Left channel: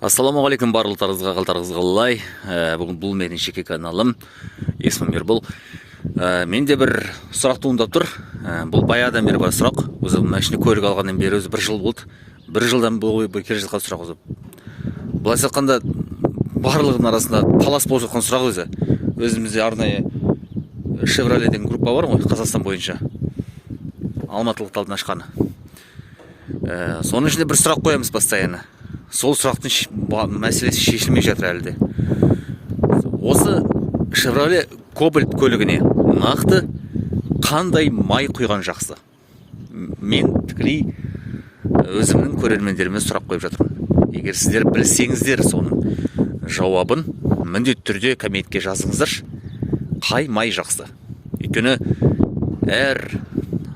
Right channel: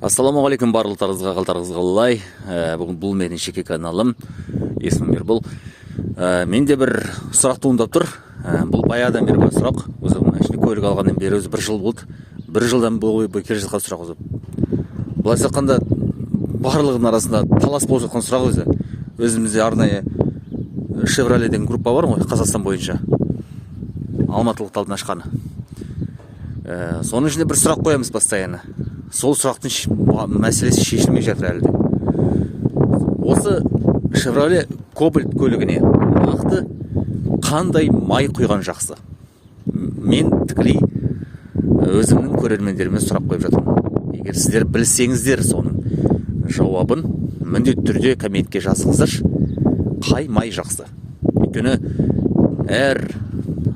Ассаламуалейкум барлықтарыңызға, қалдарыңыз қалай? Бүгін бұл менің жеке каналым, есімім Ербол. Менде бір сұрақ туындап тұр. Бұл баяғыдан бері бар сұрақ. Өзі машина көлік алғаннан бері өзі бір жыл болды. Бір жылдан бойы келе жатқан сұрақ өзі. Былайша айтқанда барлығының арасында талас болып жатқан сұрақ өзі. Өзімізде арнайы Chevrolet деген группа бар ғой, Қазақстан бойынша. Алматылық талдың ашқаны. Соның ішінде бір сұрақ қоямыз постоянно. Сол сұрақтың мәселесі шешілмей жатыр әлі де. Осы Chevrolet Cobalt көлігіне нақты қандай май құйған жақсы? Мен тікелей өзімнің көрермендеріме сұрақ қойып жатырмын. Егер сіздер білсеңіздер соның жауабын міндетті түрде комментке жазыңыздаршы. Қай май жақсы? Өйткені әр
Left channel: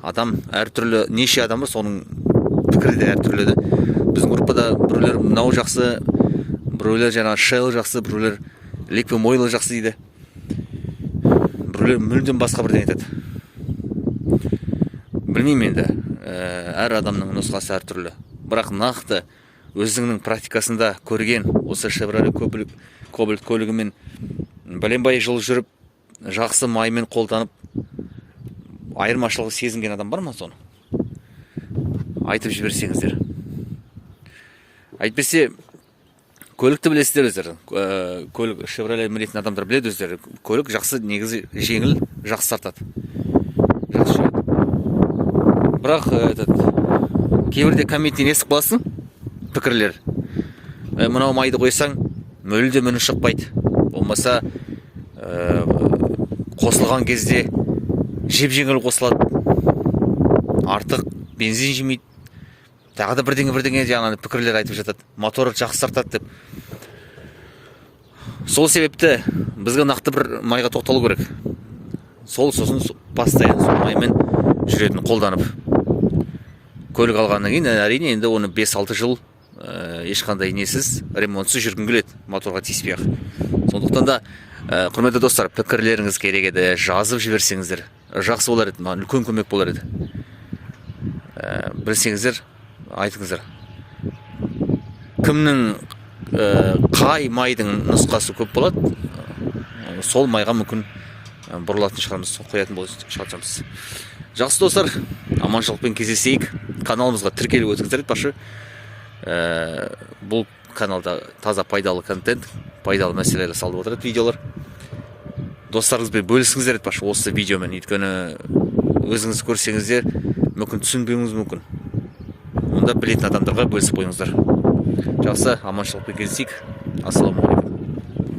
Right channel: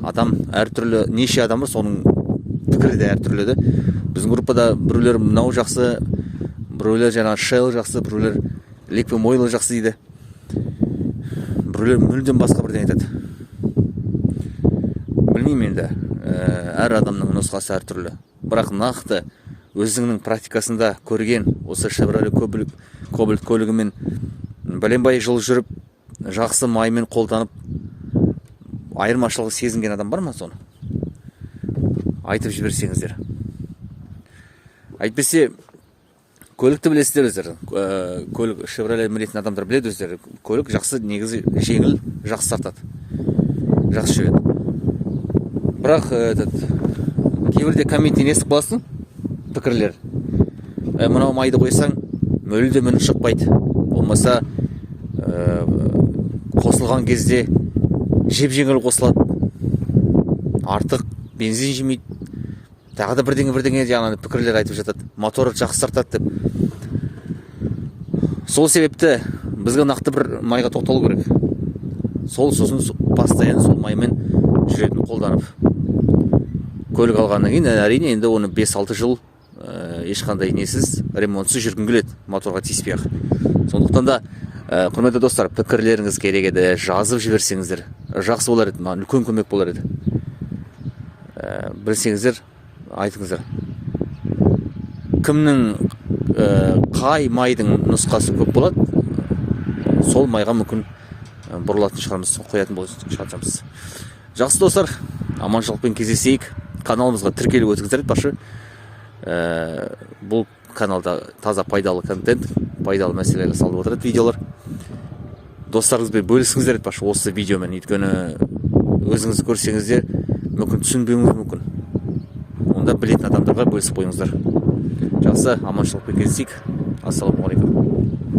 адам әртүрлі, неше адам бар, соның пікірі де әртүрлі де. Біздің группада біреулер мынау жақсы, біреулер жаңағы Shell жақсы, біреулер Liquid Oil жақсы дейді. Біреулер мүлдем басқа бірден айтады. Білмеймін енді, әр адамның нұсқасы әртүрлі. Бірақ нақты өзіңнің практикасында көрген осы Chevrolet Cobalt көлігімен бәленбай жыл жүріп, жақсы маймен қолданып, айырмашылығы сезінген адам бар ма соны? Айтып жіберсеңіздер. Әйтпесе, көлікті білесіздер өздері. Көлік Chevrolet мінетін адамдар біледі өздері. Көлік жақсы, негізі жеңіл, жақсы тартады. Жақсы жүреді. Бірақ кейбірде комменттен естіп қаласың, пікірлер. Мынау майды қойсаң, мүлдем үні шықпайды. Болмаса, қосылған кезде жеп-жеңіл қосылады. Артық бензин жемейді. Тағы да бірдеңе жаңағы пікірлер айтып жатады. Моторы жақсы тартады деп. Сол себепті бізге нақты бір майға тоқталу керек. Сосын постоянно сол маймен жүретін қолданып. Көлік алғаннан кейін әрине енді оны 5-6 жыл ешқандай несіз, ремонтсыз жүргің келеді, моторға тиіспей ақ. Сондықтан да құрметті достар, пікірлеріңіз керек еді, жазып жіберсеңіздер, жақсы болар еді, маған үлкен көмек болар еді. Білсеңіздер, айтыңыздар. Кімнің қай майдың нұсқасы көп болады, сол майға мүмкін бұрылатын шығармыз, қоятын шығармыз. Жақсы достар, аманшылықпен кездесейік. Каналымызға тіркеліп өтіңіздер айтпақшы. Бұл каналда таза пайдалы контент, пайдалы мәселелер салып отырады видеолар. Достарыңызбен бөлісіңіздер айтпақшы осы видеомен. Өйткені өзіңіз көрсеңіздер, мүмкін түсінбеуіңіз мүмкін. Онда білетін адамдарға бөлісіп қойыңыздар. Жақсы, аманшылықпен кездесейік. Ассаламуалейкум.